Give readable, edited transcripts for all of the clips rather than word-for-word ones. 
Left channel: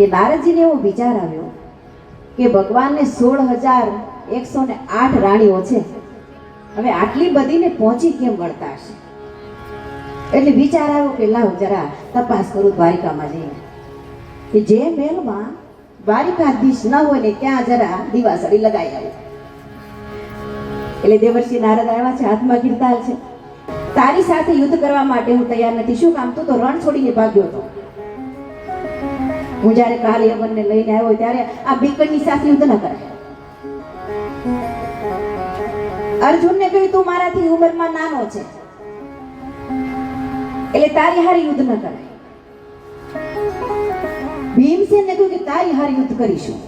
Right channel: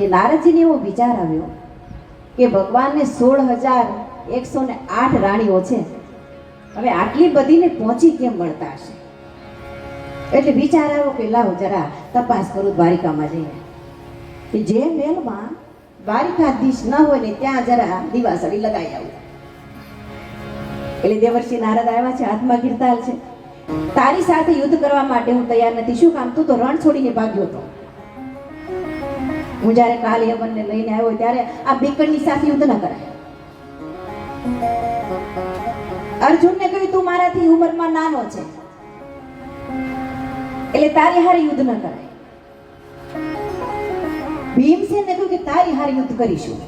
કે નારદજીને એવો વિચાર આવ્યો કે ભગવાનને 16,108 રાણીઓ છે, હવે આટલી બધીને પહોંચી કેમ મળતા હશે? એટલે વિચાર આવ્યો કે લાવ જરા તપાસ કરું દ્વારિકામાં જઈને, કે જે મહેલમાં દ્વારિકાધીશ ન હોય ને ત્યાં જરા દીવાસળી લગાવી આવું. એટલે દેવર્ષિ નારદ આવ્યા છે, હાથમાં કીર્તાલ છે. તારી સાથે યુદ્ધ કરવા માટે હું તૈયાર નથી. શું કામ? તું તો રણ છોડીને ભાગ્યો હતો. હું જયારે કાલ યવનને લઈને આવ્યો ત્યારે આ બીકણની સાથે યુદ્ધ ન કરાય. અર્જુનને કહ્યું તું મારાથી ઉંમરમાં નાનો છે એટલે તારી હારે યુદ્ધ ન કરાય. ભીમસેનને કહ્યું કે તારી હારે યુદ્ધ કરીશું.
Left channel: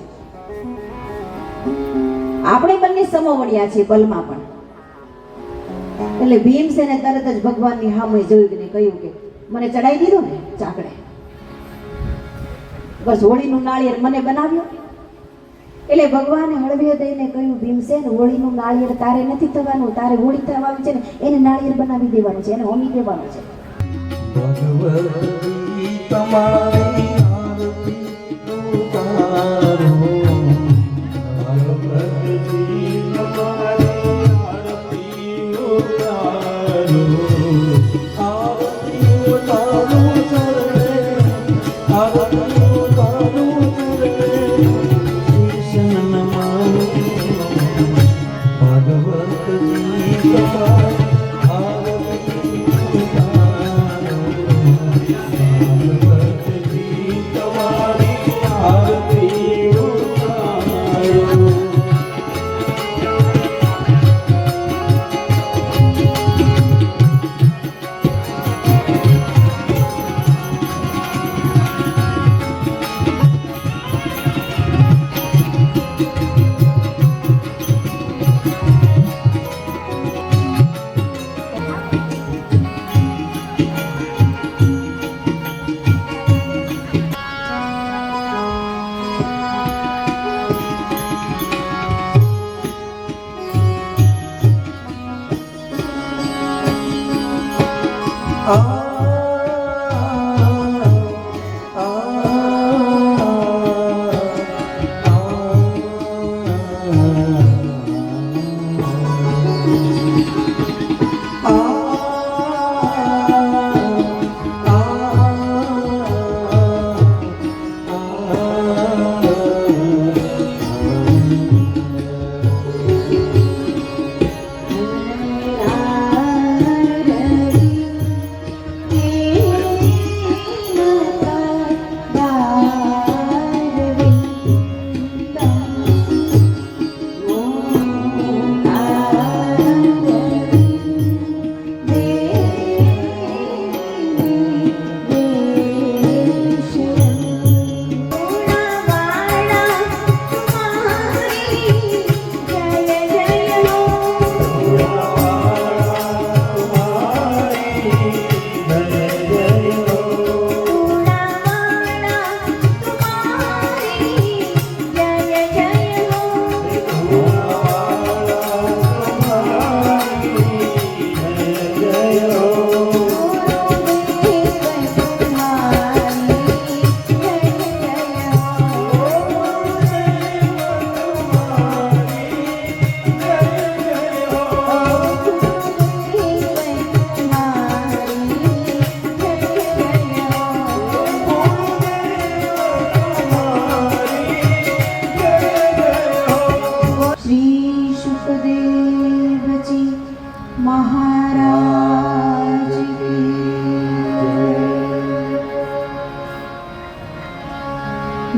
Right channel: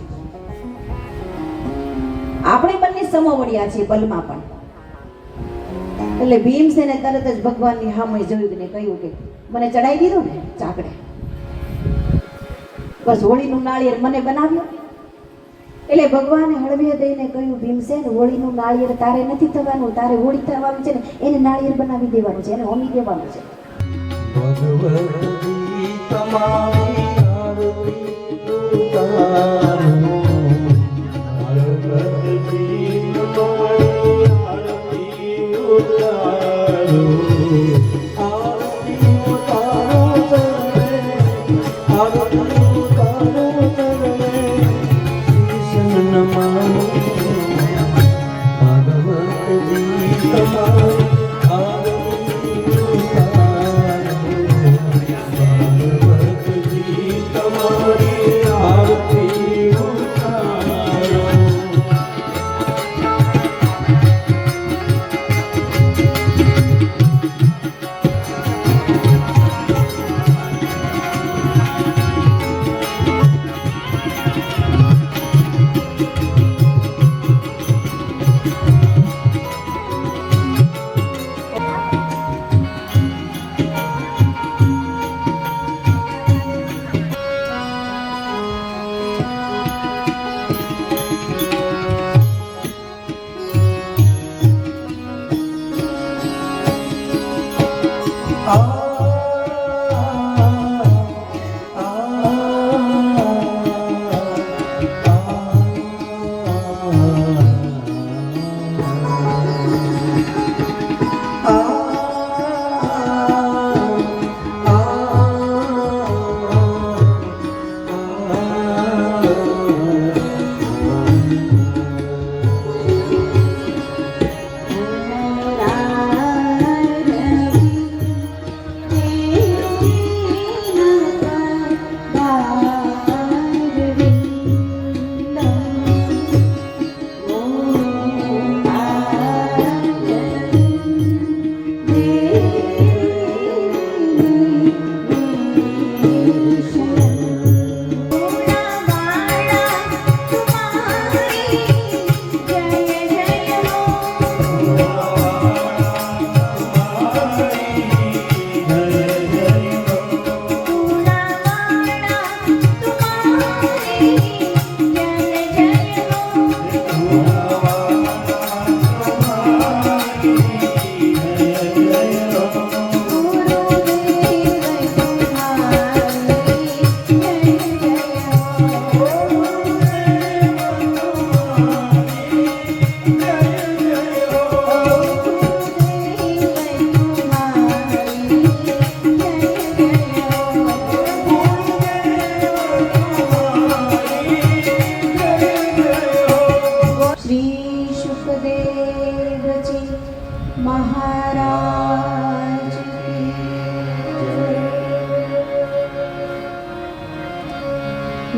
આપણે બંને સમોવડિયા છીએ બલમાં પણ. એટલે ભીમસેને તરત જ ભગવાનની સામે જોયું ને કહ્યું કે મને ચડાઈ દીધો ને ચાકડે, બસ હોળીનું નાળિયેર મને બનાવ્યું. એટલે ભગવાને હળવે દઈને કહ્યું ભીમસેન, હોળીનું નાળિયેર તારે નથી થવાનું, તારે હોળી થવાનું છે ને એને નાળિયેર બનાવી દેવાનું છે, એને હોમી દેવાનું છે. ભગવતી તમારી આરતી ઉતારો, ભગવતી તમારી આરતી ઉતારો, આરતી ઉતારો ચરણે, આરતી ઉતારો ચરણે, શીશ નમાય. ભગવતી તમારી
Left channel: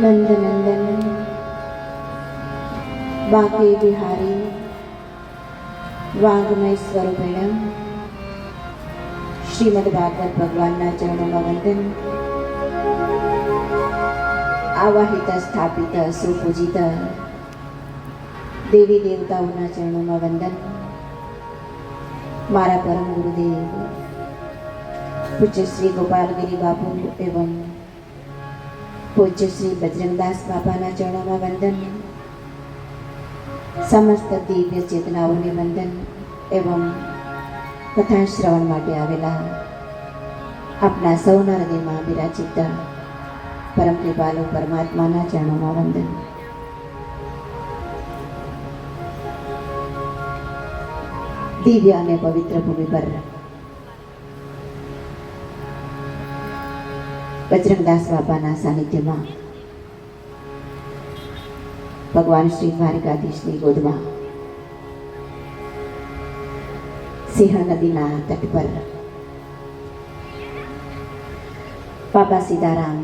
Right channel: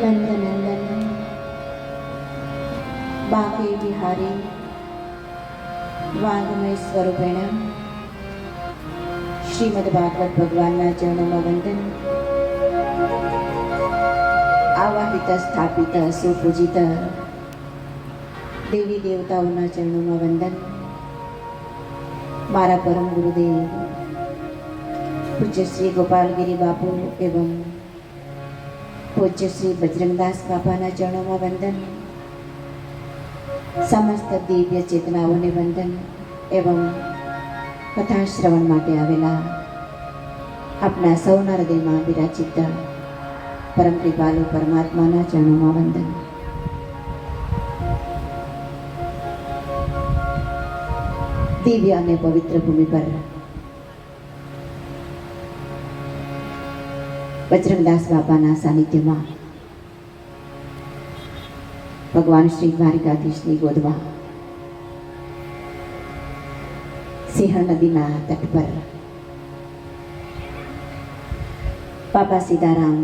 નંદનંદન બાંકે બિહારી વાંગમય સ્વરૂપેણ શ્રીમદ ભાગવત ભગવાનના ચરણોમાં વંદન. આવાહિત સ્થાપિત સુપૂજિત દેવી દેવતાઓના ચરણોમાં વંદન. મારા પરમ ગુરુદેવ પૂજ્ય શ્રી ગોપાલગીરી બાપુ એવં પૂજ્ય શ્રી બજરંગદાસ બાપાના ચરણોમાં વંદન. સમસ્ત દિવ્ય ચેતનાઓને વંદન એવં કથા શ્રવણ માટે આવેલા આપના સૌના હૃદયમાં બિરાજિત પરમ કૃપાલુ પરમાત્માના ચરણોમાં વંદન. દિવ્ય અને પવિત્ર ભૂમિ પર બજરંગદાસ બાપાના સાનિધ્યમાં ભગવાન શ્રી દ્વારિકાધીશની ગોદમાં સિંહ નદીના તટ પર બાબા સીતારામ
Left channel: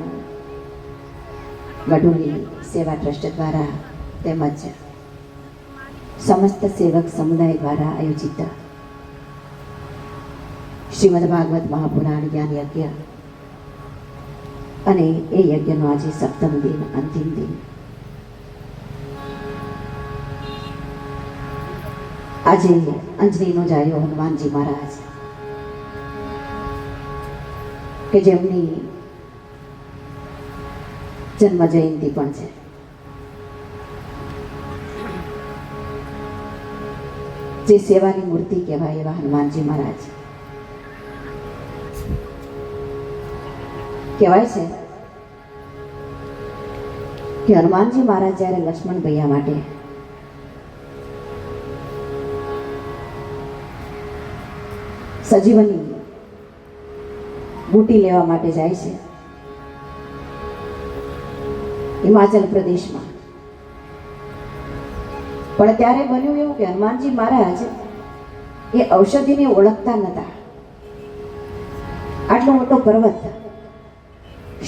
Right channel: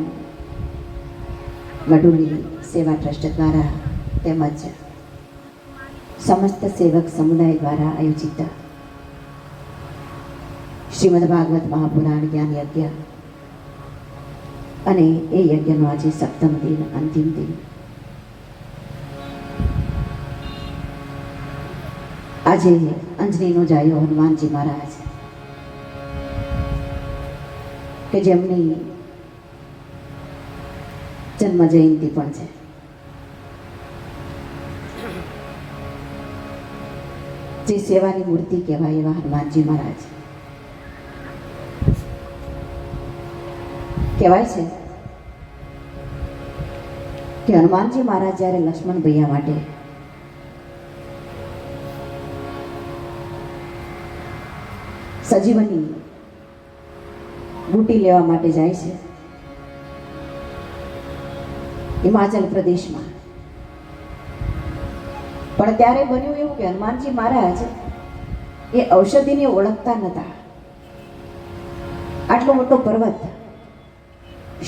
વડોલી સેવા ટ્રસ્ટ દ્વારા તેમજ સમસ્ત સેવક સમુદાય દ્વારા આયોજિત શ્રીમદ ભાગવત મહાપુરાણ જ્ઞાન યજ્ઞ અને એ યજ્ઞનો આજે સપ્તમ દિન, અંતિમ દિન. આજે અંજનીનો જાયો હનુમાનજી મહારાજ કે જેમની જન્મ જયંતિ પણ છે. જે સેવાની મૂર્તિ કહેવાય એવા હનુમાનજી મહારાજ કહેવાય છે કે હનુમાનજી મહારાજ જ્યારે લક્ષ્મણ ભૈયા માટે સજીવની બુટી લેવા માટે જાય છે હિમાચલ પ્રદેશમાં, પણ ત્યારે બન્યું એવું કે હનુમાનજી મહારાજ એ ઔષધિને ઓળખતા નહોતા. આટલો મોટો પર્વત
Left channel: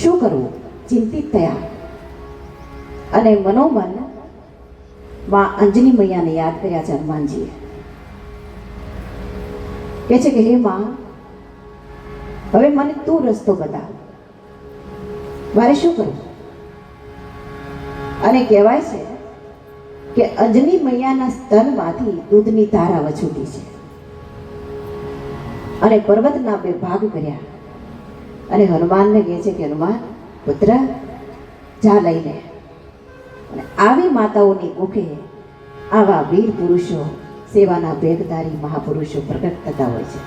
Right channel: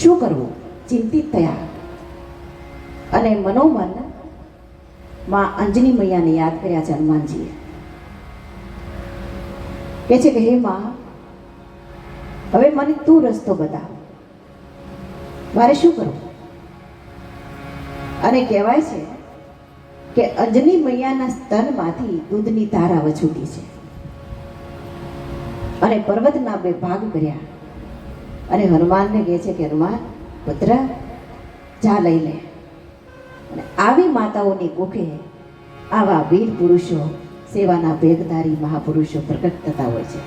શું કરવું, ચિંતિત થયા અને મનોમન માં અંજની મૈયાને યાદ કર્યા છે હનુમાનજીએ. કહે છે કે હે માં, હવે મને તું રસ્તો બતાવ, મારે શું કરવું? અને કહેવાય છે કે અંજની મૈયાના સ્તનમાંથી દૂધની ધાર આવવા છૂટી છે અને પર્વતના બે ભાગ કર્યા અને હનુમાનને કહે છે કે હનુમાન પુત્ર જા લઈ લે. અને આવી માતાઓની કુખે આવા વીર પુરુષો, સેવાના ભેગધારી મહાપુરુષો પ્રગટ થતા હોય છે.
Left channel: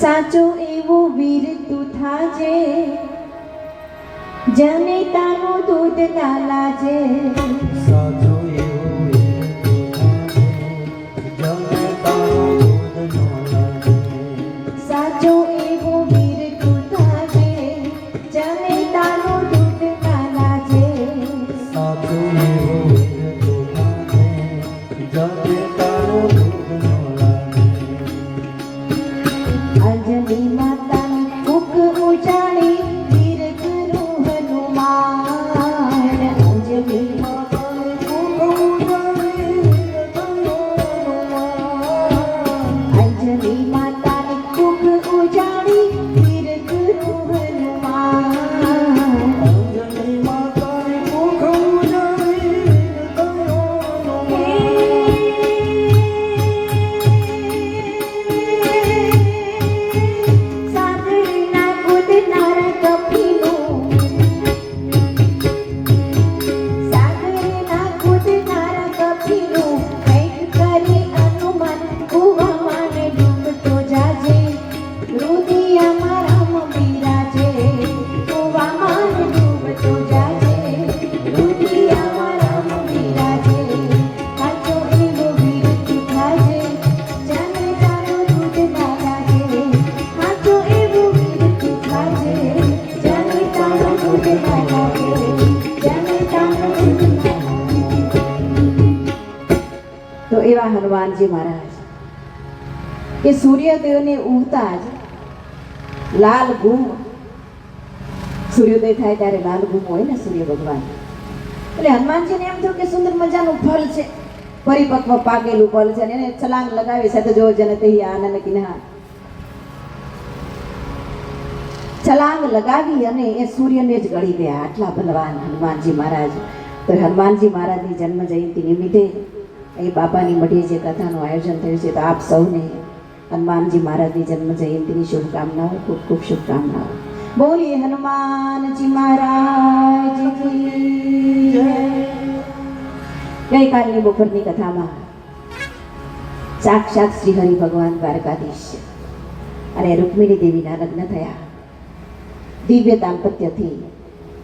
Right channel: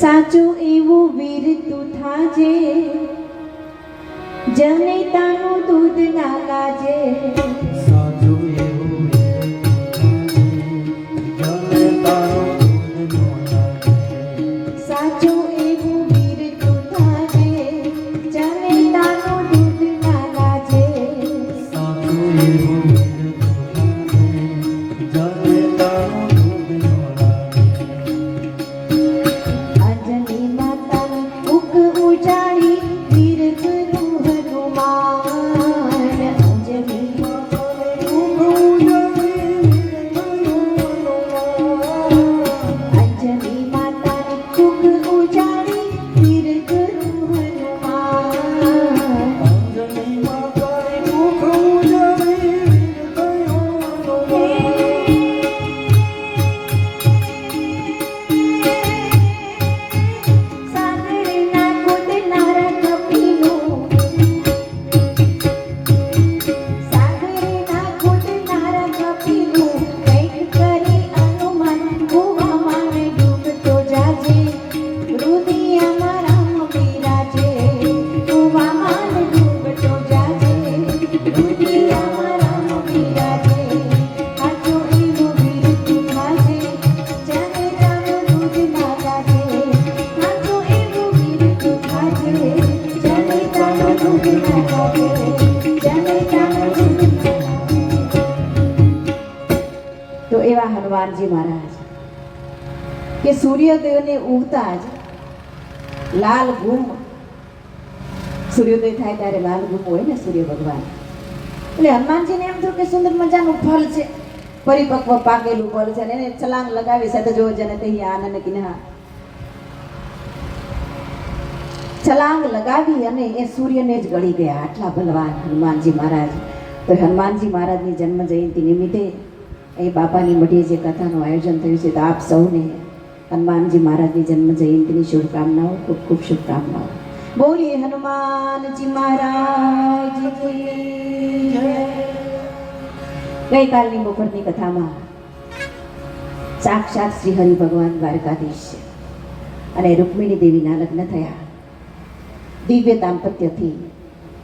સાચો એવો વીર તું થાજે, જનેતાનું દૂધ ના લાજે. સાચો એવો જનેતાનો દૂધ ન લાગે. સાચો એવો વીર તું થાજે, જનેતાનું દૂધ ના લાજે. સાચો એવો જનેતાનો દૂધ ન લાગે. અંજની માતા મુખ ઉજાડી વીર કરું હનુમાન. અંજની અંજની માતા મુખ ઉજાડી વીર કરું હનુમાન. સાગરના કૂદનાર કપીનું, સાગરના કૂદનાર કપીનું કંઈક કરી હનુમાન કૂવામાં ડૂબતો જાજે. રુદિયામાં રામ બિરાજે, કૂવામાં ડૂબતો જાજે. રુદિયામાં રામ બિરાજે, સાચો એવો વીર તું થાજે, જનેતાનું દૂધ ના લાગે. સાચો એવો વીર તું થાજે, જનેતાનું દૂધ ના લાગે. જનેતાનું દૂધ ના લાગે. તો એવા હનુમાનજી મહારાજ કે સૂર્યોદયને ઉગતા જ લાલ ગુમ, સૂર્યોદય થાય ત્યારે લાલ ગુમ હોય ને સૂર્ય ભગવાન, એટલે હનુમાનજીને એમ થયું કે સુંદર મજાનું ફળ છે, પરિપક્વ પાકેલું ફળ છે, અને એને છલાંગ લગાવી સાથે જો જને તે આનંદ કિન્હા છલાંગ લગાવી અને એ સૂર્યને જ ગળી ગયા. આટલા બલવાન હનુમાનજી મહારાજ. તો હનુમાનજી મહારાજની જન્મ જયંતિ નિમિત્તે અહીં બાપાની મઢીએ જે કથાનું આયોજન થયું છે, તો આપ સૌને હનુમાનજી મહારાજની જન્મ જયંતિની શુભકામનાઓ, ખૂબ ખૂબ શુભકામનાઓ. બોલીએ હનુમાનજી મહારાજ કી જય. ગઈકાલની બપોરની કથામાં સાક્ષાત શ્રી હરિ ભગવાન દ્વારકાધીશ છે અને રૂકમિણી દેવીના લગ્ન થયા. દિવ્ય દાંપત્યથી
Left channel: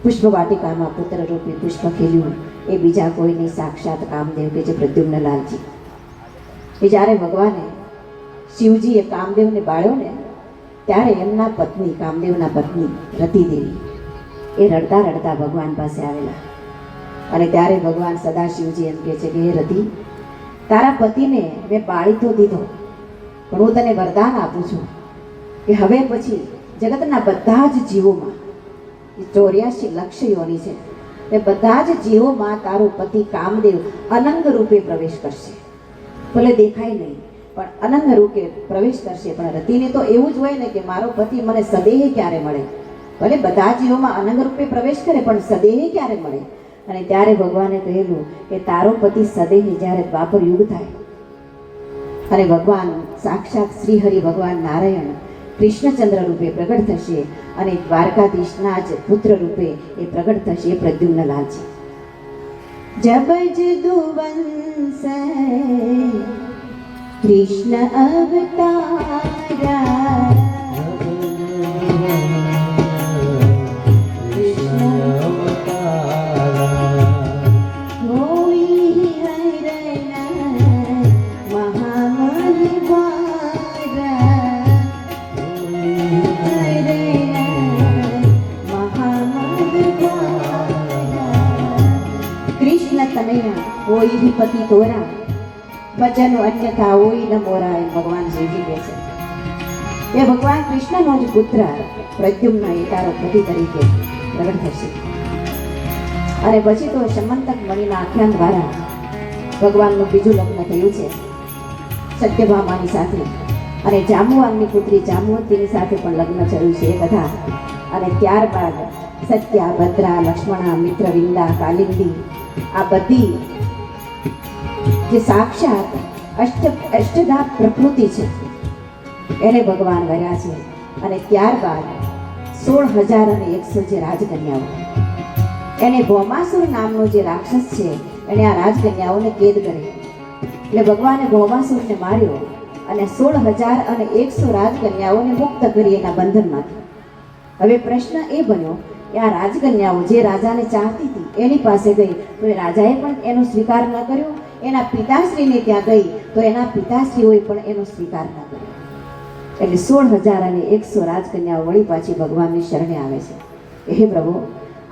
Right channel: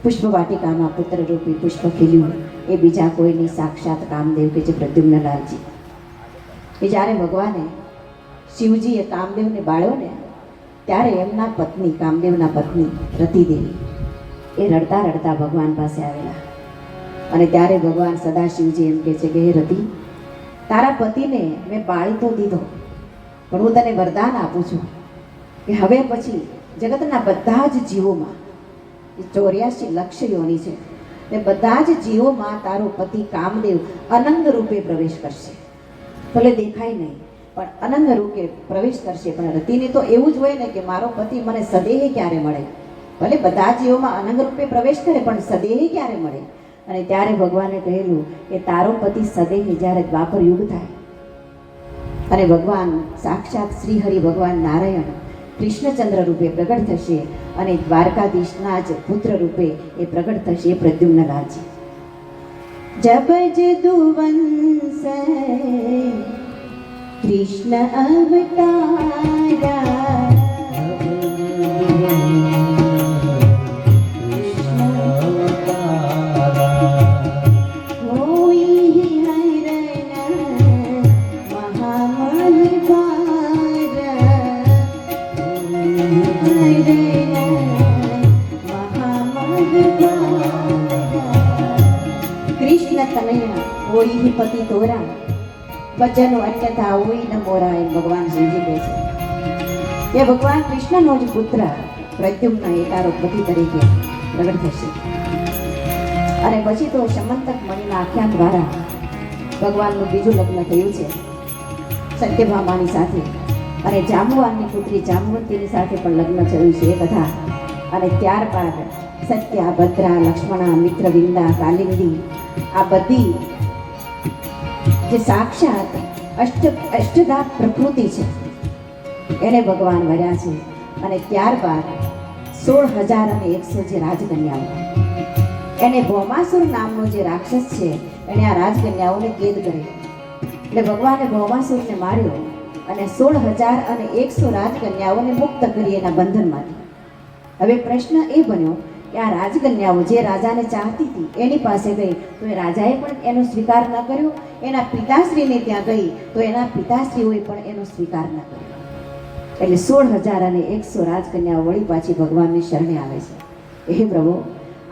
પુષ્પ વાટિકામાં પુત્રરૂપી પુષ્પ ખીલ્યું એ બીજા કોઈની સાક્ષાત કામદેવ કે જે પ્રદ્યુમ્નલાલજી. એ જ્યારે ભગવાને શિવજીએ કામદેવને બાળ્યો ને ત્યારે એમના પત્ની કામદેવના પત્ની રતિદેવી એ રડતા રડતા ભગવાન પાસે આવેલા અને ત્યારે ભગવાન સદાશિવજી એમ કહે છે કે હે રતિ, તારા પતિને મેં બાળી તો દીધો, પણ હું તને વરદાન આપું છું કે હવે પછી જગતના બધા જ જીવોમાં, એ 84 લક્ષ યોની છે, એ બધા જ જીવોમાં તારો પતિ કામદેવ અનંગ રૂપે પ્રવેશ કરશે. ભલે દેખાય નહીં પણ અનંગ રૂપે પ્રવેશ કરશે. પણ રતિને તો એવું જ હોય ને કે મારો પતિ મને સદેહે ક્યારે મળે, ભલે બધા જીવોમાં અનંગ રૂપે પ્રવેશ કરે પણ સદેહે ક્યારે મળે. અને ત્યારે ભગવાને કહેલું કે તારો પતિ સદેહે જ્યારે દ્વાપર યુગ થાય અને ભગવાન સાક્ષાત શ્રીહરિ ભગવાન નારાયણ કૃષ્ણચંદ્ર રૂપે પ્રગટ થશે અને દ્વારકાધીશના જ પુત્ર રૂપે એ પ્રગટ થશે એ પ્રદ્યુમ્નલાલજી. જબ જદુવંશ કૃષ્ણ અવતારા પતિ તોરા વચન અન્યથા હોય ન મોરા, એમ ભગવાન શિવજી કહે છે. એ ભગવાન કૃષ્ણનો જ પુત્ર પ્રદ્યુમ્ન એ તારો પતિ તરીકે પ્રગટ થશે. અને પછી તો સમંતક મણિના આખ્યાન દ્વારા ભગવાનનું બીજું લગ્ન થયું છે સત્યભામાની સાથે, અને જાંબુવાનની પુત્રી જાંબુવતીની સાથે પણ લગ્ન થયું છે એ કથા. અને ત્યારબાદ સત્યા, ભદ્રા, લક્ષ્મણા, મિત્રવિંદા, કાલિંદી આ બધી જે સાક્ષાત અષ્ટધા પ્રકૃતિ છે એને ભગવાન વર્યા છે. અને ત્યારબાદ 16,100 જે રાજકન્યાઓ, એને ભૌમાસુર નામનો જે રાક્ષસ છે એને આ રાજકન્યાઓને કેદ કરી. એટલે ભગવાને ભૌમાસુરને માર્યો અને 16,100 રાજકન્યાઓને મુક્ત કરી એના બંધનમાંથી. હવે પ્રશ્ન એ બન્યો કે આ રાજકન્યાઓ જે રાજાને ચાહતી હતી એની પાસે ગઈ તો એ રાજાએ પણ એનો સ્વીકાર ન કર્યો, એના પિતાશ્રીને ત્યાં ગઈ તો એના પિતાશ્રીઓએ પણ એનો સ્વીકાર ન કર્યો. એટલે 16,100 રાજકન્યાઓ વળી પાછી ભગવાનની શરણે આવે છે. હે પ્રભુ,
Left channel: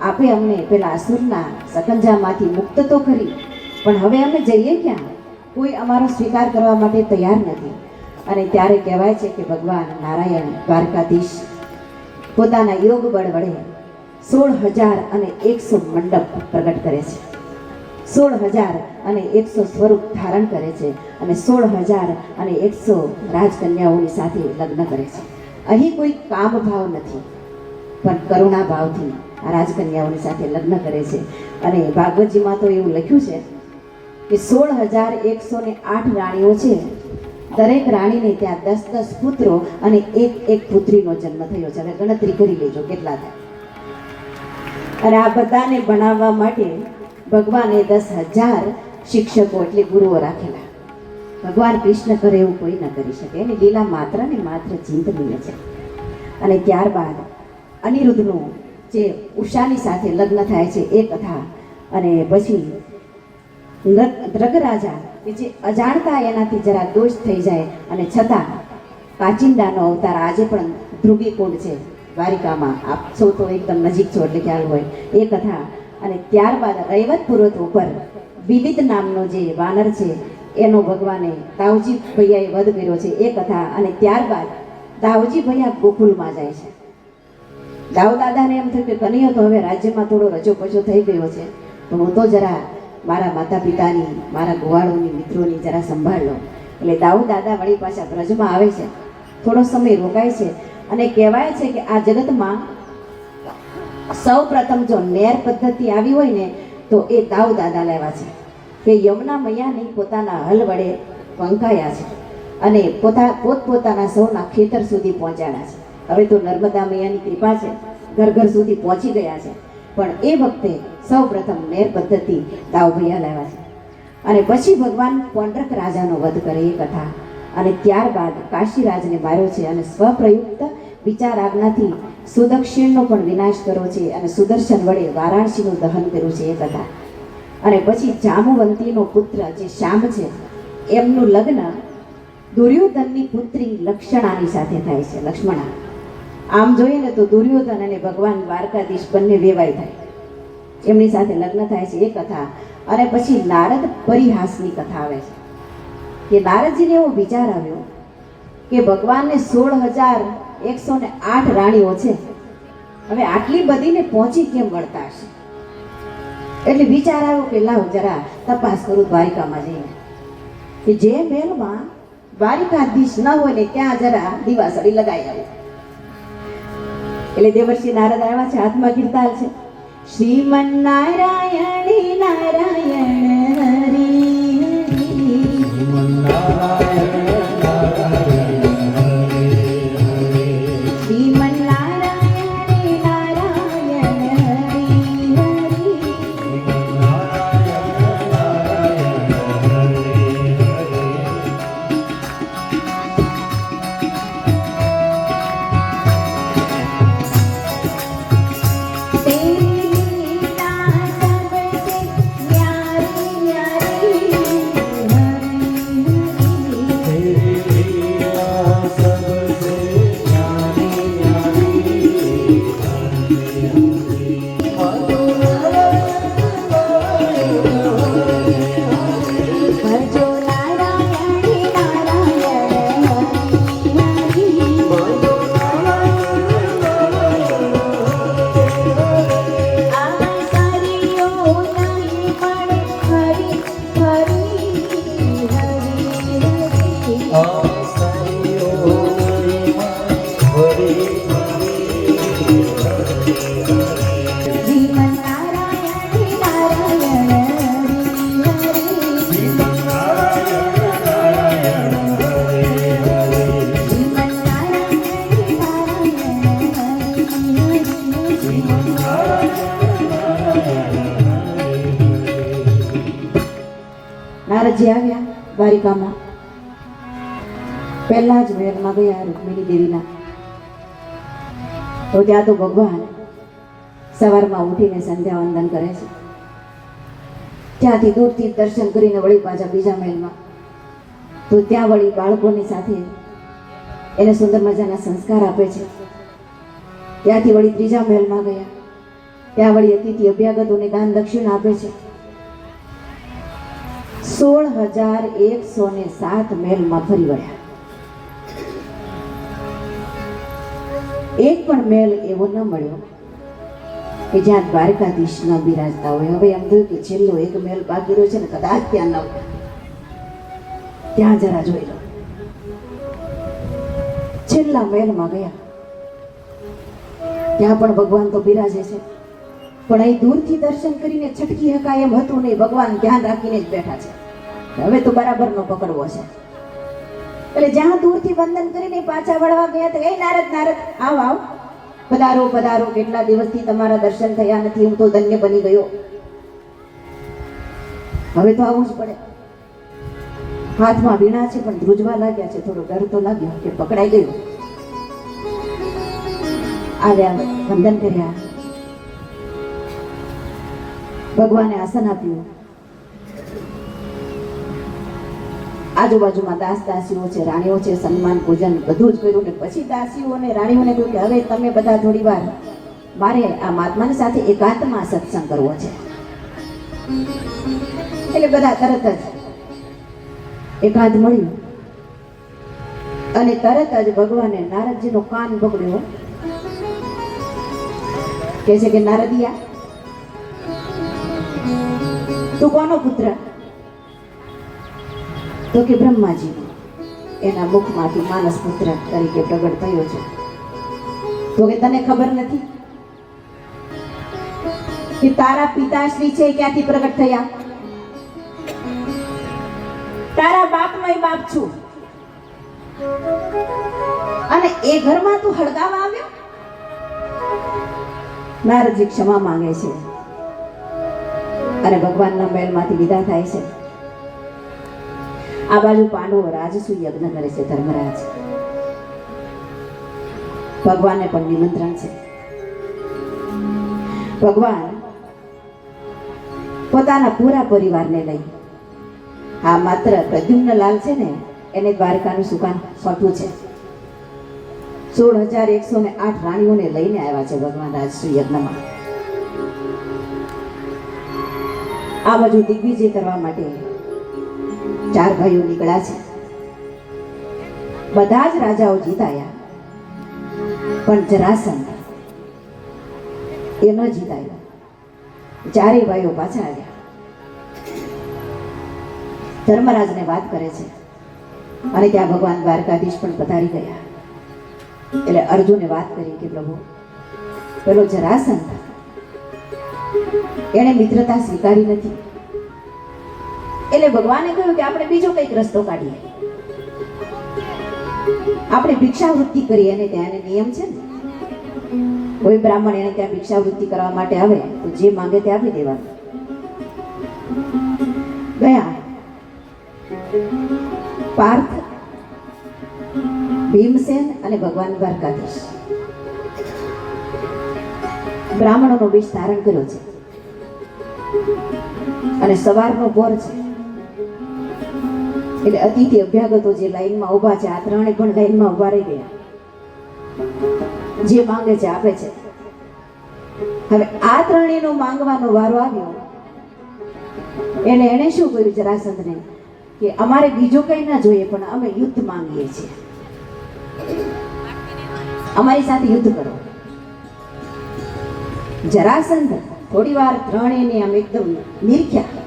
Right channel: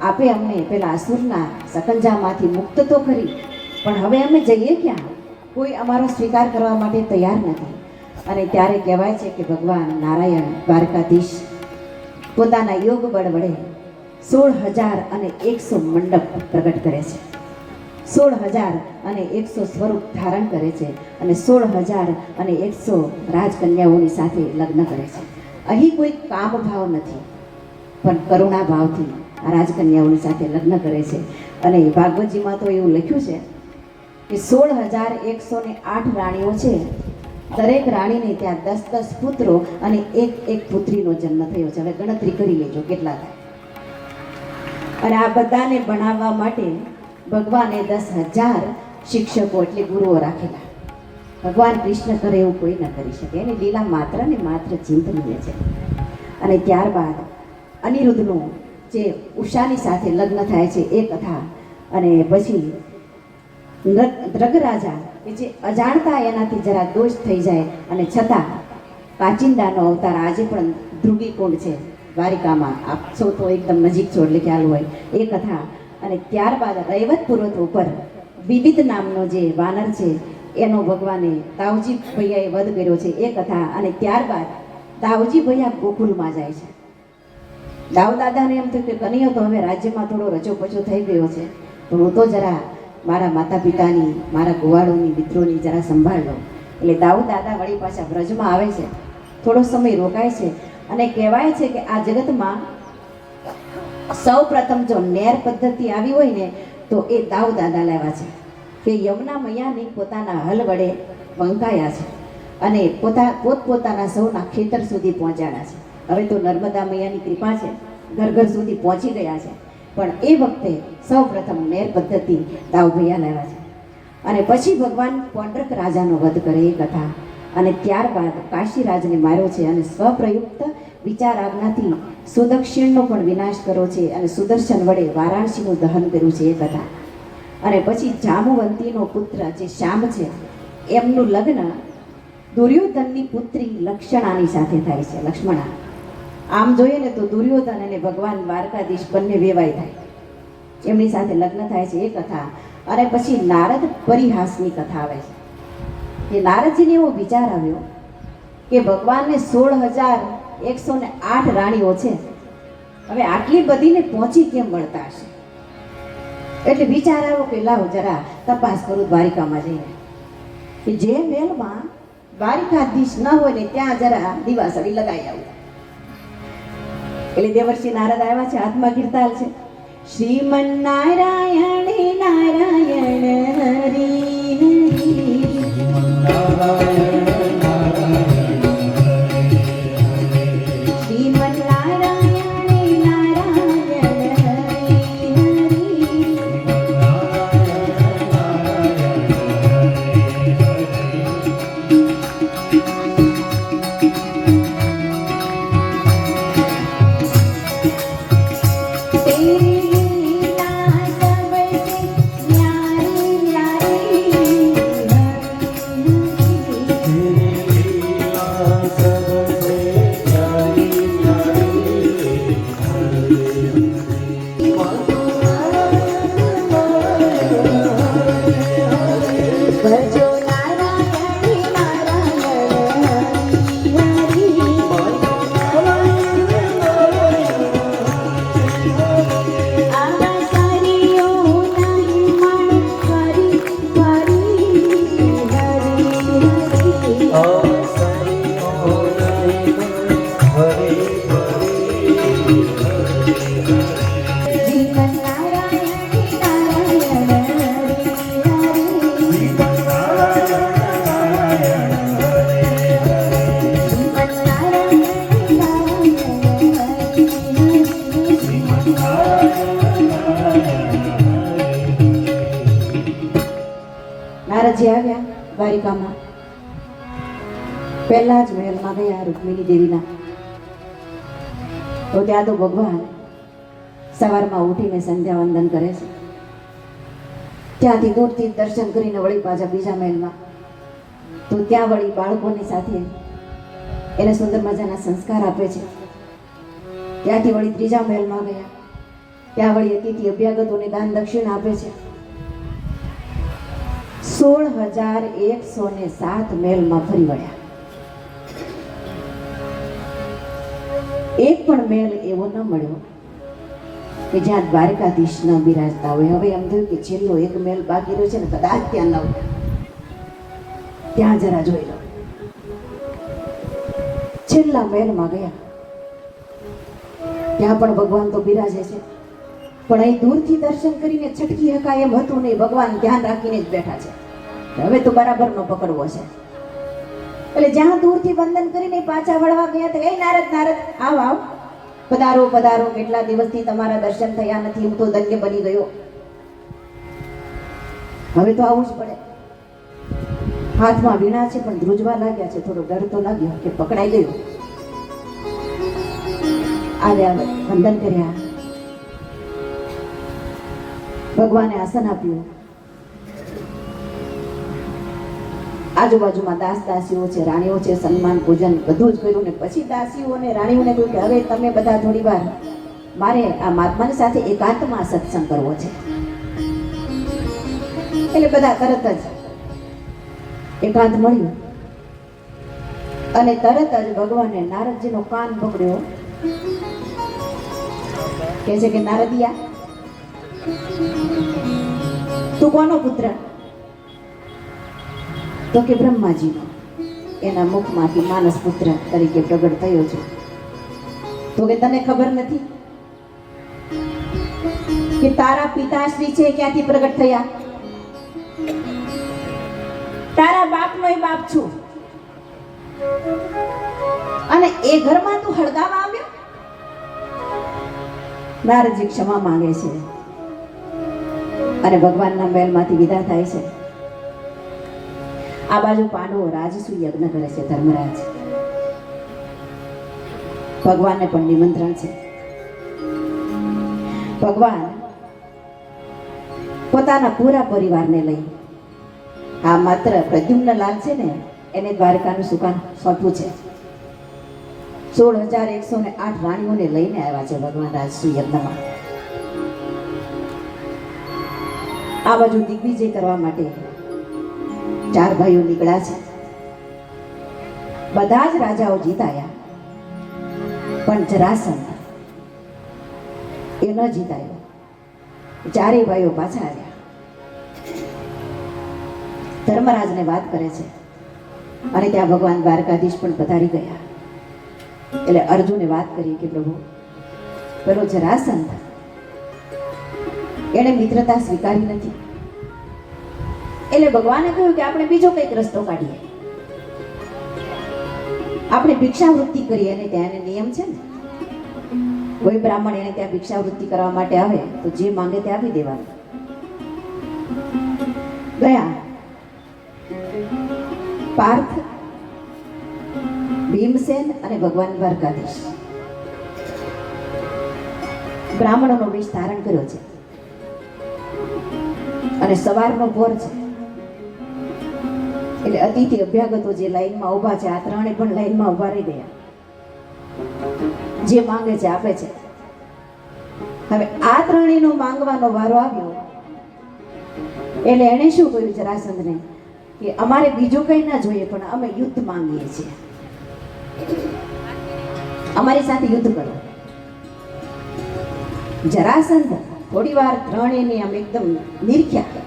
આપે અમને પેલા અસુરના સકંજામાંથી મુક્ત તો કરી, પણ હવે અમે જઈએ ક્યાં? કોઈ અમારો સ્વીકાર કરવા માટે તૈયાર નથી. અને ત્યારે કહેવાય છે કે ભગવાન નારાયણ દ્વારકાધીશ પોતાના યોગ બળ વડે 16,100 મંડપ પ્રગટ કરે છે, 16,100 સ્વરૂપ ધારણ કરે છે અને 16,100 રાજકન્યાઓની સાથે લગ્ન કરે છે. અહીં કોઈ કામ ભાવ નથી પણ કરુણા ભાવથી આ રાજકન્યાઓની સાથે લગ્ન કરે છે. અને ભાગવતજીમાં તો એવું લખ્યું છે કે 16,108 રાણીઓ છે, દરેક રાણીને ત્યાં 10 પુત્રો અને એક પુત્રીનો જન્મ થયો છે. હવે ગણતરી કરી લેજો કેટલા થાય. અને આ બધાને ભણાવવા માટે ભગવાને 10,000 શિક્ષકો એટલે ગુરુઓ રાખેલા. ભગવાન કૃષ્ણ કરે એવું કોઈ ન કરી શકે, એની લીલા માત્ર ને માત્ર ચિંતનીય છે. અને ત્યારબાદ અનિરુદ્ધનું જે ઉષાની સાથે લગ્ન થાય છે એ કથા. અને પછી દ્રગરાજા કે જે અજાણતા એનાથી જરા દોષ થઈ જાય અને છતાં કાચિંડાનો અવતાર આજે પણ ધ્રુવીકુંડ છે દ્વારિકામાં, આપ સૌ તો એકદમ નજીક છો એટલે ખ્યાલ હોય એ કથા. અને ત્યારબાદ રૈવત પર્વત ઉપર વિવિધ નામનો જે વાનર છે એનો ભગવાને દાઉજી ભૈયાએ વધ કર્યો છે એ કથા. અને ત્યારબાદ દાઉજી ભૈયા ગોકુલમાં જાય છે. દાઉ દાદાને એમ થયું કે કનૈયો તો હવે રાજ્યમાં થોડો રચોપચો થઈ ગયો છે, તો હું તો જરા મારા માતા પિતાની, મારા ગોવાળોની, મિત્રોની જરા સંભાળ લો. એટલે દાઉ દાદા વળી પાછા વ્રજમાં આવે છે, થોડો સમય રોકાય છે. અને કહેવાય છે કે આ જગતમાં સૌ પ્રથમ જો નેર પદ્ધતિ આવી હોય ને તો એ દાઉ દાદા લાવ્યા છે કે યમુના મૈયાને પોતાના હલ વડે પંકાયા છે અને પોતપોતાના સૌના ખેતર સુધી પહોંચાડ્યા છે. હવે તો નર્મદા મૈયાની કૃપા છે, ઘર ઘર સુધી પહોંચી ગયા છે. પણ એ વખતે સૌ પ્રથમ નેર પદ્ધતિ દાઉ ભૈયા લાવ્યા છે. અને પછી ભગવાન કોંડક રાજાનો વધ કરે એ કથા. અને ત્યારબાદ કાશીરાજને માર્યો છે અને સ્વપ્રયુક્ત વિચાર આજ્ઞાથી સુદક્ષિણનો પણ વિનાશ કર્યો છે અને સુદર્શન વડે વારાણસીનું દહન કર્યું છે એ કથા. અને પછી જાંબુવંતીનો પુત્ર જે શાંબ છે એમનું લગ્ન દુર્યોધનની પુત્રી લક્ષણાની સાથે થાય છે. લક્ષ્મણા આમ જોઈએ ને તો દુર્યોધન અને ભગવાન દ્વારકાધીશ બંને વેવાય થાય, એમની સાથે લગ્ન થાય છે એ કથા. અને પછી નારદ પરિહાસની કથા આવે છે કે નારદજીને એવો વિચાર આવ્યો કે ભગવાનને 16,108 રાણીઓ છે, હવે આટલી બધીને પહોંચી કેમ મળતા હશે? એટલે વિચાર આવ્યો કે લાવ જરા તપાસ કરું દ્વારિકામાં જઈને, કે જે મહેલમાં દ્વારિકાધીશ ન હોય ને ત્યાં જરા દિવાસળી લગાઈ આવે. એટલે દેવર્ષિ નારદ આવ્યા છે, હાથમાં કીર્તાલ છે. શ્રીમન નારાયણ નારાયણ હરી હરી શ્રીમન નારાયણ નારાયણ હરી ભજો નારાયણ નારાયણ હરી આ સરિયો નહીં મણ હરી હરી હરી જીવન નારાયણ નારાયણ નારદજી આવ્યા દ્વારિકામાં. પહેલા જ મહેલમાં ગયા રૂકમિણી દેવીના. તો ત્યાં તો ભગવાન સવારમાં ઉઠીને સંધ્યા વંદન કરે છે. ત્યાંથી દૂરથી દર્શન કરીને વળી પાછા બીજા મહેલમાં. તો ત્યાં વળી બાળકોની સાથે એને સુંદર મજાના સંસ્કાર આપે છે. ત્યાંથી વળી ત્રીજા મહેલમાં ગયા. ત્યાં વળી અતિથિ અભ્યાગતોને દાન દક્ષિણા આપે છે. 16,107 મહેલમાં ફરી વળ્યા. એક પણ મહેલ એવો ન મળ્યો કે જ્યાં દ્વારકાધીશ ન બિરાજતા હોય. હવે એમ થયું કે છેલ્લો એક મહેલ બાકી રહ્યો છે ને, કદાચ ત્યાં ન હોય, ત્યાં જરા જોઈ લો. છેલ્લા મહેલમાં ગયા. ત્યાં પણ ભગવાન તો બિરાજે છે, પણ અહીં દૂરથી દર્શન કરીને છટકી હકાય એમ હતું નહીં. ભગવાન ધ્યાન રાખીને જ બેઠા છે. હવે તો બરાબરનો પકડવો છે. એટલે જ્યાં દૂરથી વંદન કરીને પાછા વળવા ગયા તો એ નારદ નારદ આવ આવ, પધારો પધારો, કેટલા દિવસથી તમારા દર્શન થયા નથી, હું તો ધન્ય બની ગયો, હવે તો આવવું જ પડે. હાથમાં વીણા છે પણ ધ્રુજવા લાગ્યા છે. થોડો ડર તો લાગ્યો કે પકડાઈ ગયો. આવ્યા, વંદન કર્યા, ભગવાને આસન આપ્યું. આજુબાજુમાં દાસ દાસીઓ છે, રાણીઓ છે, સન્માન પૂજન બધું જ કર્યું ને પછી દાસીઓ અને રાણીઓને કહ્યું કે હવે તમે બધા થોડી વાર મારે આ મહાત્માની સાથે એકાંતમાં સત્સંગ કરવો છે. એટલે બધા તરત જ એકાંત મળ્યું અને તરત જ ભગવાને નારદજીનો કાન પકડ્યો. કહે છે કે નારદિયા, તું કોનો પુત્ર? તો કે બ્રહ્માજીનો. એના મુખમાંથી માનસ પુત્ર તરીકે પ્રગટ થયો છે. તો કે તને ખબર નથી કે તારા પિતાશ્રી છે ક્યાંથી પ્રગટ થયા? તારા બાપનો બાપ છું અને એ ઘરમાં તું હળગાવા આવ્યો? નારદજી ક્ષમા માંગે છે અને ભગવાનના મહેલમાંથી વિદા થાય છે. આ બાજુ પાંડવો રાજસુ યજ્ઞ કરે છે. ધર્મરાજ ભગવાનને પણ નિમંત્રણ છે. ભગવાન પોતાના પૂરા પરિવારને લઈ, આ માત્ર પ્રદ્યુમ્નલાલ છે ને એને દ્વારકાનું સુકાન સોંપ્યું છે. 16,108 રાણીઓને લઈને આવ્યા છે ભગવાન રાજસૂય યજ્ઞમાં. આ બાજુ દિગ્વિજય કરવા માટે 4 ભાઈઓ નીકળ્યા છે. બધા જ રાજાઓ જીતાયા, પણ જરાસંઘ એ ન જીતાયો. 4 ભાઈઓ પાછા આવ્યા. ધર્મરાજને વાત કરે છે અને ત્યાં ભગવાન દ્વારકાધીશ પણ પધારી ગયા. એટલે અર્જુને વાત કરી કે પ્રભુ, પેલો જરાસંઘ એને મિત્રતા સ્વીકારી નથી. એટલે ભગવાને કહ્યું કે આપણે બીજો કંઈક રસ્તો કાઢીએ, આપણે ભિક્ષાવૃત્તિ કરીએ. અને ત્યાં એને નિયમ છે ને, કોઈ બ્રાહ્મણ એને ત્યાં ભિક્ષાવૃત્તિ કરવા માટે આવે તો જે માંગે તે આપી દેવાનું. ગયા પાર્થ, ભીમસેન અને ભગવાન દ્વારકાધીશ બ્રાહ્મણોનો વેશ ધારણ કર્યો છે અને સવારનો ભોર છે. એટલે અતિથિ અભ્યાગતો જે લાઈનમાં ઊભા છે, આ 3 પણ લાઈનમાં ઊભા રહી ગયા. જે માંગે છે આપે છે. હવે આ 3 નો માંગવાનો વારો આવ્યો એટલે એને શું કર્યું જરાસંઘને કે અમારે બીજું કંઈ ના જોઈએ, પણ અમે યુદ્ધ માંગીએ છીએ, અમારી સાથે યુદ્ધ કરો. જરાસંઘ થોડી વાર 3 આમ એકદમ નિરખ્યા,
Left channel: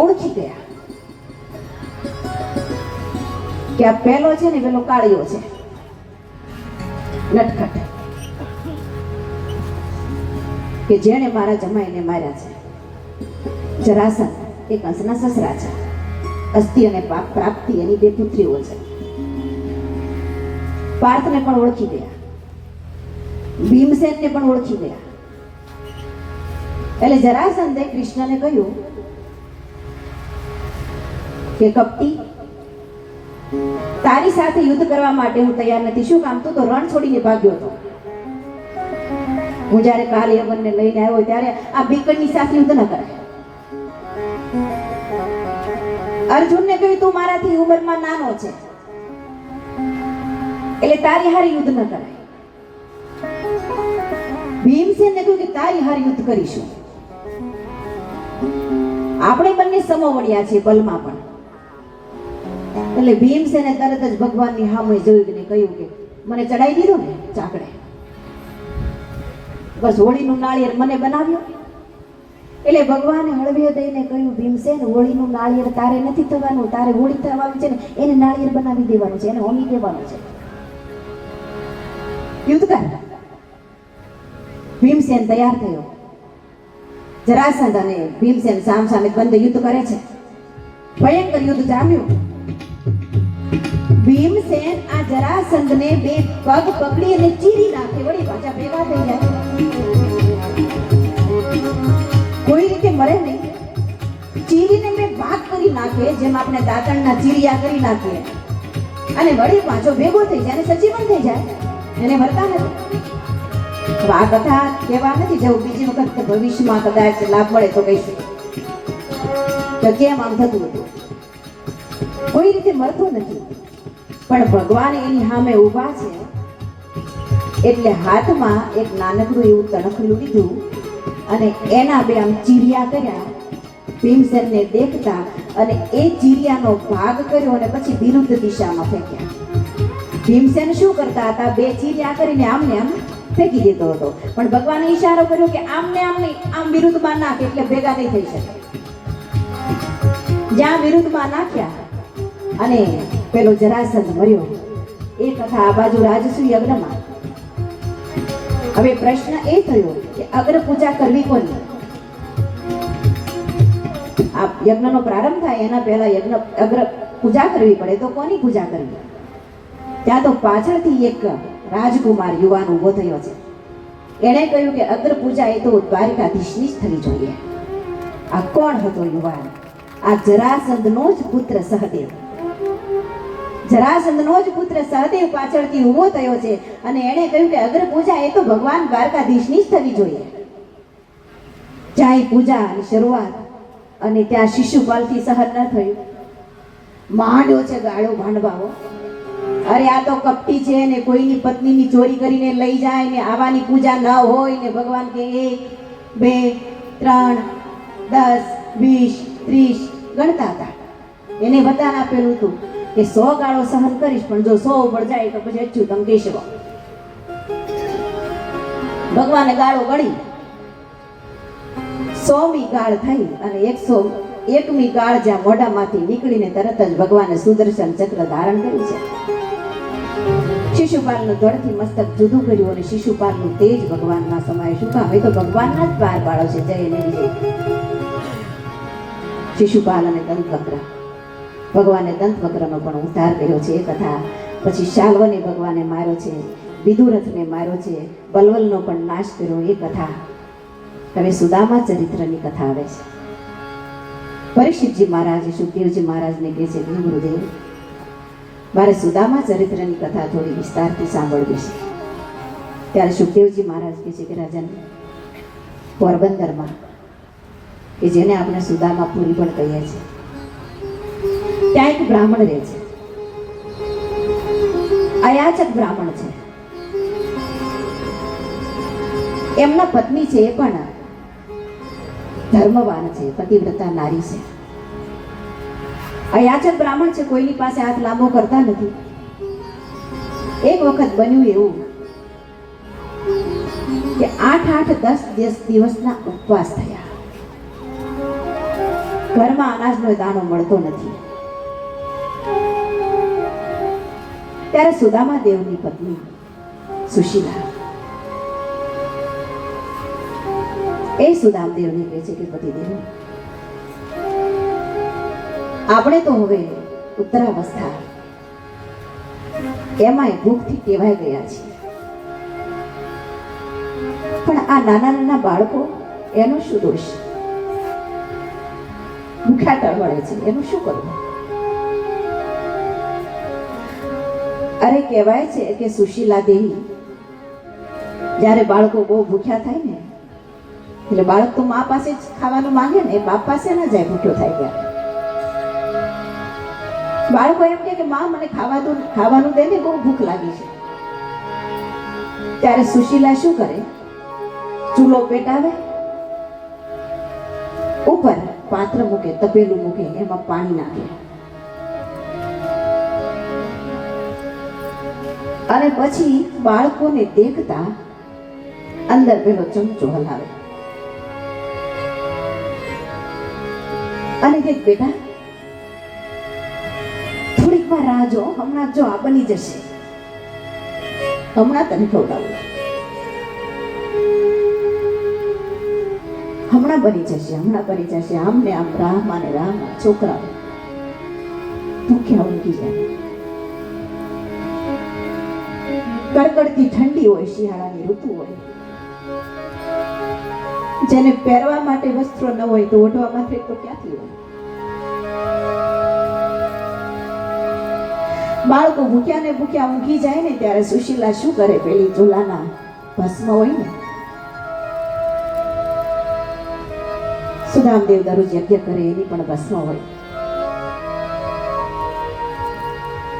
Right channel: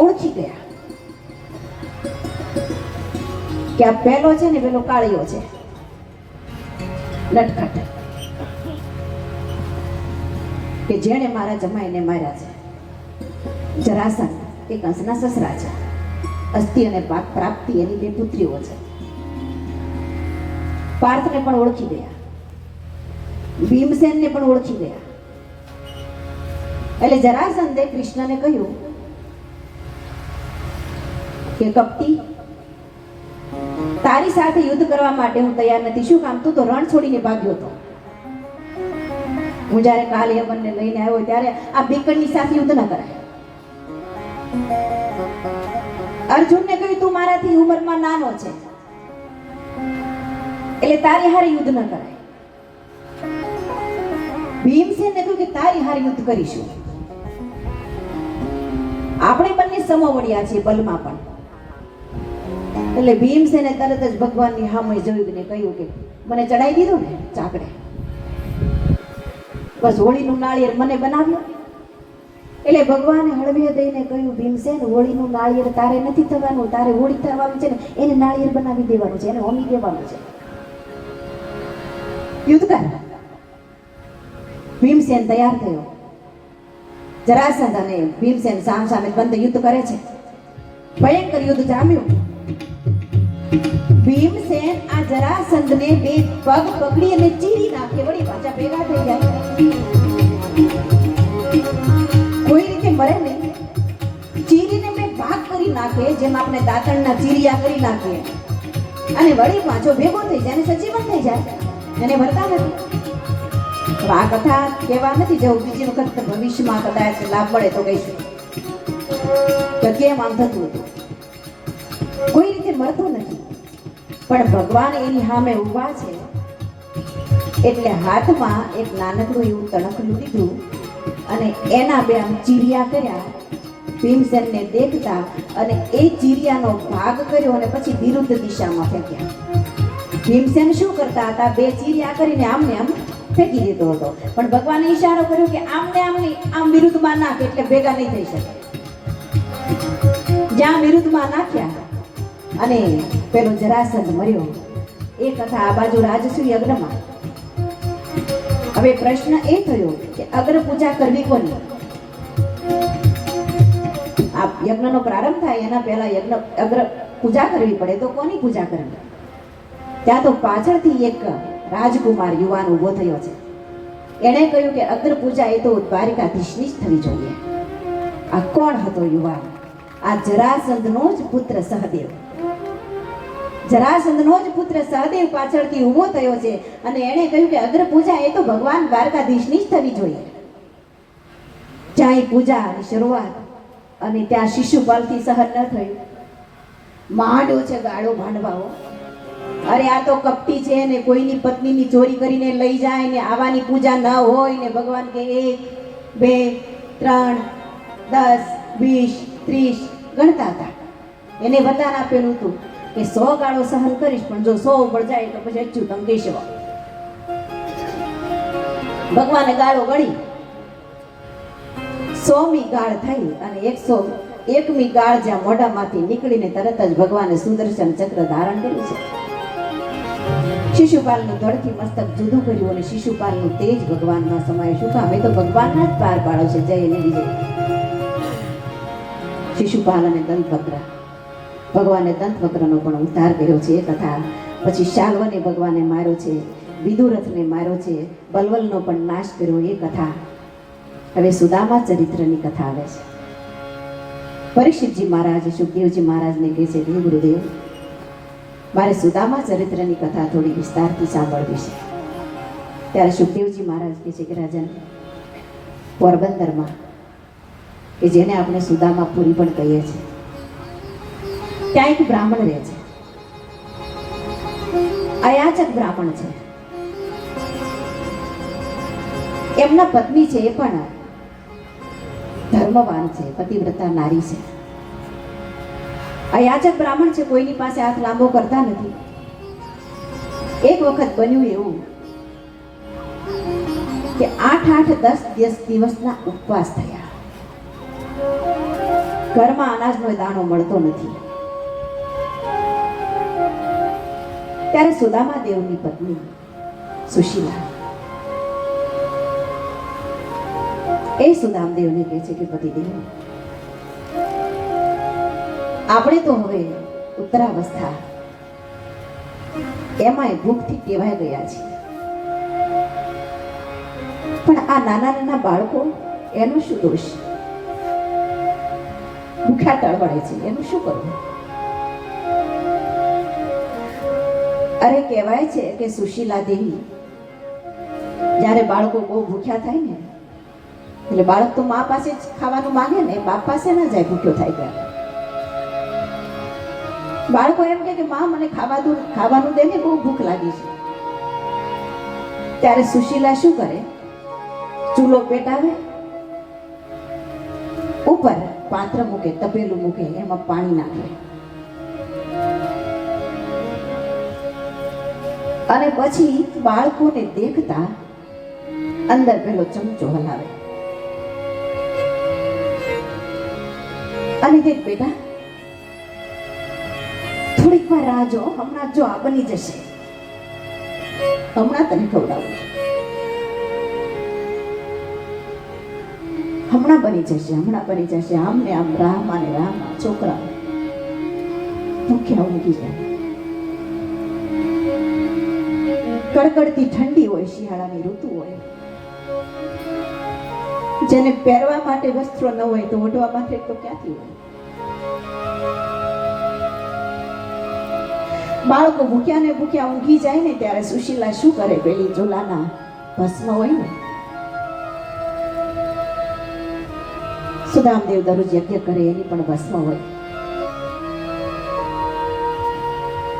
ઓળખી ગયા કે આ પેલો છે ને પેલો કાળિયો છે, નટખટ, કે જેણે મારા જમાઈને માર્યા છે. જરાસંઘ એ કંસના સસરા છે. અસ્થિ અને પાપ પ્રાપ્તિ એની 2 પુત્રીઓ છે. પાર્થને પણ ઓળખી ગયા, ભીમસેનને પણ ઓળખી ગયા. એટલે જરાસંઘે કૃષ્ણને કહ્યું કે કપટી, તારી સાથે યુદ્ધ કરવા માટે હું તૈયાર નથી. શું કામ? તું તો રણ છોડીને ભાગ્યો હતો. હું જ્યારે કાલ યવનને લઈને આવ્યો ત્યારે આ બીકણની સાથે યુદ્ધ ન કરાય. અર્જુનને કહ્યું તું મારાથી ઉંમરમાં નાનો છે એટલે તારી હારે યુદ્ધ ન કરાય. ભીમસેનને કહ્યું કે તારી હારે યુદ્ધ કરીશું. આપણે બંને સમવડિયા છીએ બલમાં પણ. એટલે ભીમસેને તરત જ ભગવાનની સામે જોયું ને કહ્યું કે મને ચડાઈ દીધો ને ચાકડે, બસ હોળીનું નાળિયેર મને બનાવ્યું. એટલે ભગવાને હળવે દઈને કહ્યું ભીમસેન, હોળીનું નાળિયેર તારે નથી થવાનું, તારે હોળી થવાનું છે ને એને નાળિયેર બનાવી દેવાનું છે, એને હોમી દેવાનું છે. યુદ્ધ કર. ભીમસેન તૈયાર થયો. જરાસંઘ અને ભીમસેન સામ સામે બંધ યુદ્ધ કરે છે. ભયંકર યુદ્ધ જામ્યું. ભીમસેન આ જરાસંઘને 2 પગ પકડી અને ચીરી નાખે. વળી પાછા ભેગા થઈ જાય. કોઈ રીતે મરે નહીં, ચીરીને 2 ભાગ કરી નાખે, જેમ આપણે દાંતણના ચીરિયા કરી નાખીએ, અને વળી પાછો ભેગો થઈ જાય અને સજીવન થઈ જાય. એને મરતા નથી. આ કથા કહેવા નથી જવું, બીજી વખત ભવિષ્યમાં કદાચ લાભ મળે તો કહીશું તો કેમ આમ થતું હતું. કોઈ રીતે મળતો નથી, પણ ભગવાન એની સામે ઊભા છે એટલે હાથમાં એક નાનકડું એવું તણખલું લીધું અને એના 2 આમ ચીરિયા કર્યા. ભીમસેનને દેખતા અને એ ચીરિયાનો ભાગ કર્યો અને પછી વિરુદ્ધ દિશામાં ફેંક્યા. ભીમસેન શું કરતા હતા? 2 ચીરિયા કરીને આમને આમ ફેંકી દેતો હતો, પણ ભગવાને ઈશારો કર્યો કે આમને આમ નહીં, આમ વિરુદ્ધમાં નાખ એટલે ભેગા નહીં થઈ શકે. જ્યાં વિરુદ્ધમાં નાખ્યા અને પેલો જરાસંઘ મર્યો. એ કથા આ બાજુ રાજસૂય યજ્ઞમાં. હવે પ્રશ્ન એ થયો કે અગ્ર પૂજા કરવી કોની? આ યજ્ઞનો પ્રારંભ થાય એના પહેલા અગ્ર પૂજા કરવી પડે તો કોની પૂજા કરવી? ત્યાં તો પાછળથી એક રાજકુમાર યુવાન ઉભો થયો છે. એણે કહ્યું કે અગ્ર પૂજા એ તો દ્વારિકાધીશની જ થવી જોઈએ. આ કોણ હતો યુવાન? આ જરાસંઘનો જ પુત્ર સહદેવ. જરાસંધનો જ પુત્ર સહદેવ પાછળથી ઊભો થયો છે અને એણે કહ્યું કે અગ્ર પૂજા એ તો ભગવાન દ્વારકાધીશની જ થવી જોઈએ. જ્યાં પૂજાની શરૂઆત અને ત્યાં શિશુપાલથી સહન ન થયું. માંડ્યો છે ગાળો ભાંડવાઓ. અરે આ તો કપટી છે ને કોઈની પત્નીની ચોરી કરીને લઈ જાય ને આવાની પૂજા ન હોય ને ભગવાન કે 1 2 3 10 20 30 ગણતા હતા. એને વરદાન આપેલું હતું કે 100 ગાળો સહન કરીશ પણ જો 100 ઉપર જાય તો પછી અચ્યુતમ કેશવ. ભગવાને ગાળો ગળી 100મી ગાળ થઈ અને 101મી ગાળ જ્યાં મોઢામાંથી નીકળીને તરત જ ભગવાને સુદર્શન ચક્ર ધારણ કર્યું છે. શિશુપાલનું ધડથી મસ્તક જુદું કર્યું અને શિશુપાલનું તેજ ભગવાનમાં સમાય. શું કામ? એ તો ભગવાનના જ પાર પાડો છે. જય અને વિજય. શિશુપાલ અને દંતવક્ર, ભગવાને દંતવક્રનો પણ ઉદ્ધાર કર્યો છે એ કથા. પછી શાલ્વને ભગવાને માર્યો છે, વિદુરથને માર્યો છે, બલવલનો પણ નાશ કર્યો એ કથા. હવે સુદામા ચરિત્રની કથા આવે છે. પરીક્ષિતજી મહારાજ સુખદેવજી મહારાજને કહે છે કે ગુરુદેવ, મારે સુદામા ચરિત્રની કથા થોડી વિસ્તારથી સાંભળવી છે. ત્યારે સુખદેવજી મહારાજ કહે છે કે રાજન, પોરબંદરમાં કે જેને આપણે સુદામાપુરી પણ કહીએ છીએ, ત્યાં એક બ્રાહ્મણ રહે છે. અયાચક બ્રાહ્મણ છે. એમના પત્ની છે એ પણ ધર્મવાન છે, પતિવ્રતા નારી છે. અયાચક બ્રાહ્મણ છે, કોઈની પાસે હાથ લાંબો કરતા નથી. એક વખત બન્યું એવું કે 8-10 દિવસના ઉપવાસ થયા. ઘરમાં અનાજનો દાણો મળતો નથી. ત્યારે સુદામા દેવની પત્ની સુશીલા એ સુદામદેવને કહે છે કે પતિદેવ, આપણે તો હવે ઉત્તરાવસ્થા, એમાંય ભૂખથી ટેવાઈ ગયા છે, પણ આ નાના નાના બાળકો, એનો શું દોષ? ભૂખ્યા તળવળે છે, એનું શું કરવું? અરે કહેવાય છે કે સુશીલા દેવી જ્યારે બાળકો બહુ ભૂખ્યા થાય ને, એટલે બાળક તો મા પાસે જ ખાવાનું માંગે ને, બાપ પાસે ના જાય ભૂખ્યો થાય ત્યારે. બાળકો એમ કે માં મને ખાવાનું દે ને, બહુ ભૂખ લાગી છે. ત્યારે સુશીલા શું કરે? ચૂલો પેટાવે, ઉપર પાત્ર મૂકે, તપેલું મૂકે, એમાં પાણી નાખે અને પછી બાળકોને દેખતા અંદર પેલો ચમચો હલાવે અને દેખ બેટા, થોડીક વાર રાહ જો, હમણાં જો આ બની જશે, હમણાં તને ખવડાવું, હમણાં બની જશે, હમણાં બની જશે. આમ ને આમ રાહમાં ને રાહમાં છોકરા ભૂખ્યા ઊંઘી જાય. કડકડતી ઠંડી હોય, શિયાળાની ઋતુ હોય, જેને પહેરવા માટે વસ્ત્રો ન હોય તો ઓઢવા માટે તો ક્યાંથી હોય? બાળકો ભૂખ્યા ને ભૂખ્યા ઊંઘી જાય ને, ત્યારે સુશીલા શું કરે? પેલી ચૂલાના ભસ્મ હોય ને, સુદામદેવ દરરોજ યજ્ઞ કરે એની પણ ભસ્મ હોય,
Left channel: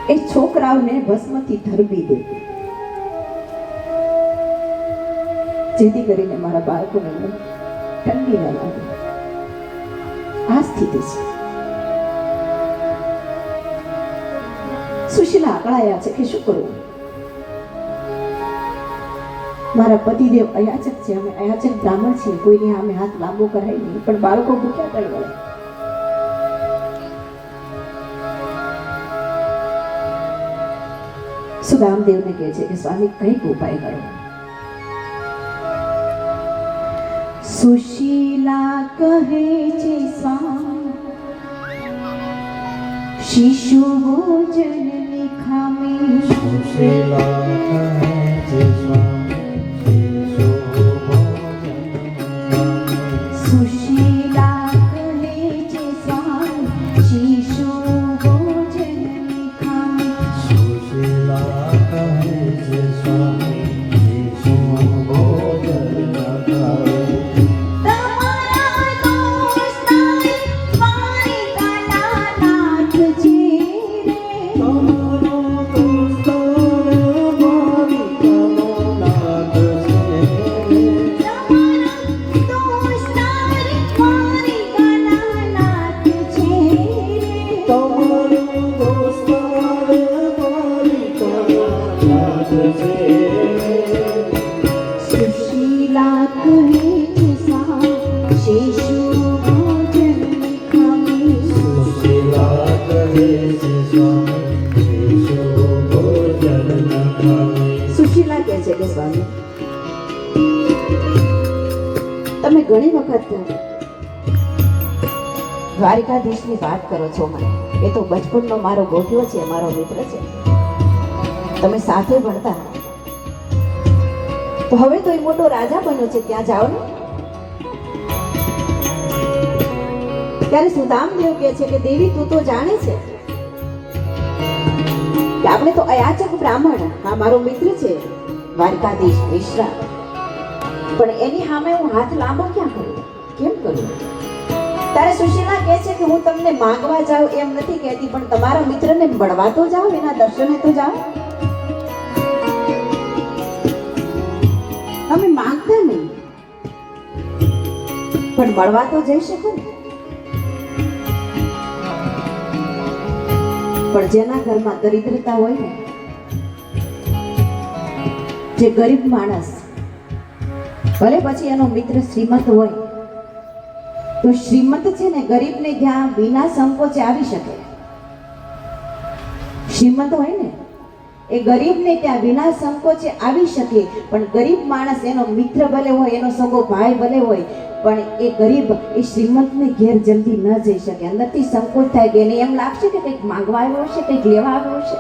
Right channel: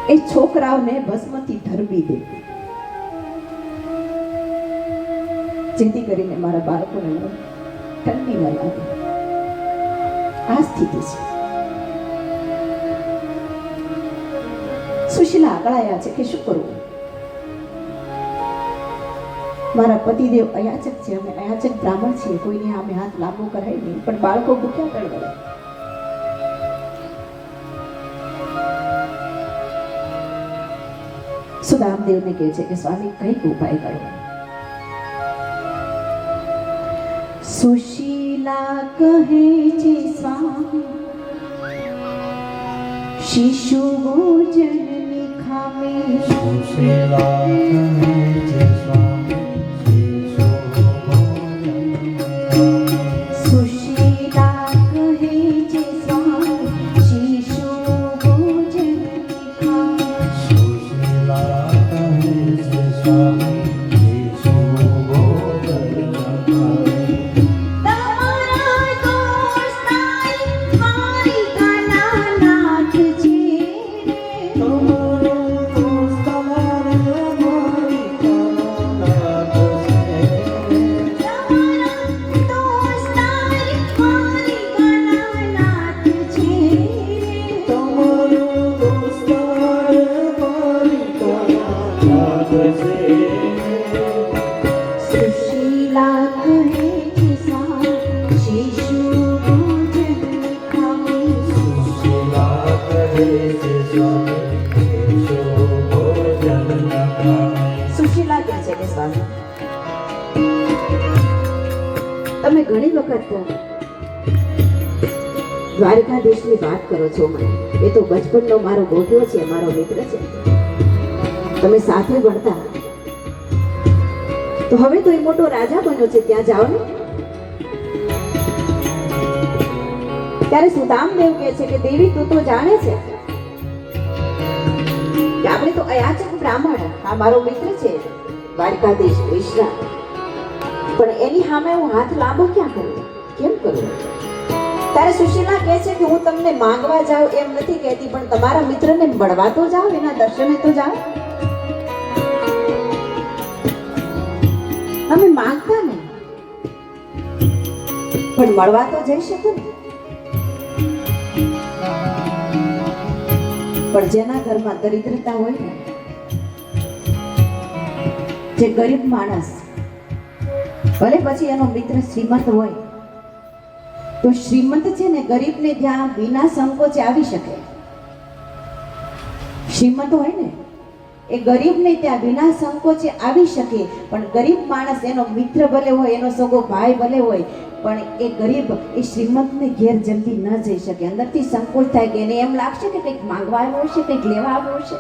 એ છોકરાઓને ભસ્મથી ધરબી દે, જેથી કરીને મારા બાળકોને ઠંડી ન લાગે. આ સ્થિતિ છે. સુશીલા આકળાયા છે કે શું કરવું? મારા પતિદેવ અયાચક છે, અમે અયાચક બ્રાહ્મણ છીએ, કોઈની સામે હાથ લાંબો કરાય નહીં, પણ બાળકો ભૂખ્યા તળવળે. સુદામદેવને કહે છે કે સ્વામી કઈક ઉપાય કરો. સુશીલા કહે છે સ્વામી, શિશુ ભોજન ખામે. સુશીલા કહે છે સુશીલા કહે છે સ્વામી, શિશુ ભોજન ખામે. વખત દ્વારિકાધીશની વાત કરો છો મને. એ તો બચપનનો મારો ગોઠિયો છે, મારો મિત્ર છે. તમે સાથે ભણતા. તો હવે તો એ મોટો રાજા બન્યો છે, ત્યાં જાઓ ને. ત્યારે સુદામદેવ કહે છે કે દેવી તું તો જાણે છે કે આપણે તો અયાચક બ્રાહ્મણ, આ મારો મિત્ર છે દ્વારકાધીશ કૃષ્ણ, પણ એની સામે હું હાથ લાંબો ક્યાં કરું, કેમ કરું? ત્યારે સુશીલા કહે છે કે હું તમને માંગવા જાઉં એમ નથી કહેતી, પણ તમારા મિત્રને મળવા તો જાઓ, એના દર્શને તો જાઓ. અમે માંગતા નહીં, પણ મળવા તો જઈ શકું ને. પણ જેના ઘરમાં દરિદ્રતા હોય ને, જે ગરીબ માણસ, ભલે પછી એનો મિત્ર શ્રીમંત હોય, તો શ્રીમંત છે ને ગરીબને જ્યાં વિના સંકોચે આવી શકે. શ્રીમંત હોય ને એ ગરીબને ત્યાં વિના સંકોચે આવી શકે, પણ ગરીબ માણસ, એનો મિત્ર ભલે હોય, એનો સગો ભાઈ ભલે હોય, પણ એ ગરીબ એ શ્રીમંતને ઘેર જલ્દી ન જઈ શકે. અંદરથી સંકોચ થાય કે એને એમ લાગશે કે કંઈક માંગવા આવ્યો હશે, કંઈક લેવા આવ્યો હશે.